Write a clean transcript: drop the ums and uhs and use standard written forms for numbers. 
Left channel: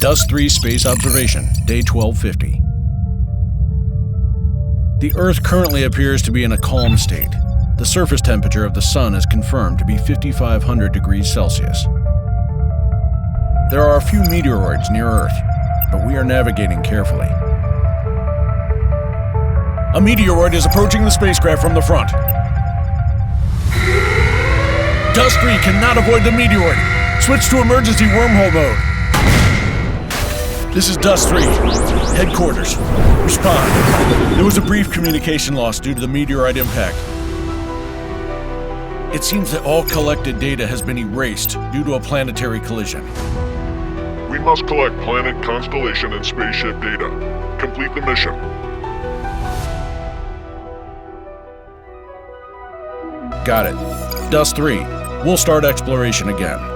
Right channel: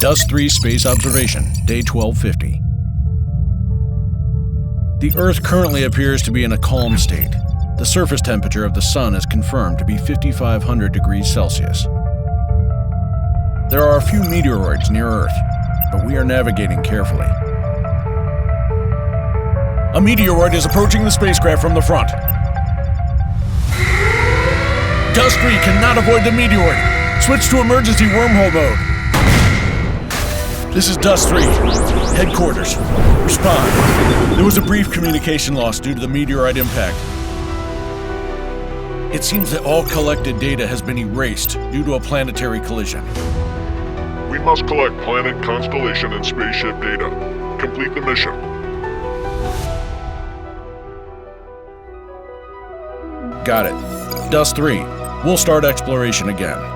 Dust 3 Space Observation, Day 1250. The Earth currently appears to be in a calm state. The surface temperature of the Sun is confirmed to be 5,500 degrees Celsius. There are a few meteoroids near Earth, but we are navigating carefully. A meteoroid is approaching the spacecraft from the front. Dust 3 cannot avoid the meteoroid. Switch to emergency wormhole mode. This is Dust 3. Headquarters. Respond. There was a brief communication loss due to the meteorite impact. It seems that all collected data has been erased due to a planetary collision. We must collect planet, constellation, and spaceship data. Complete the mission. Got it. Dust 3. We'll start exploration again.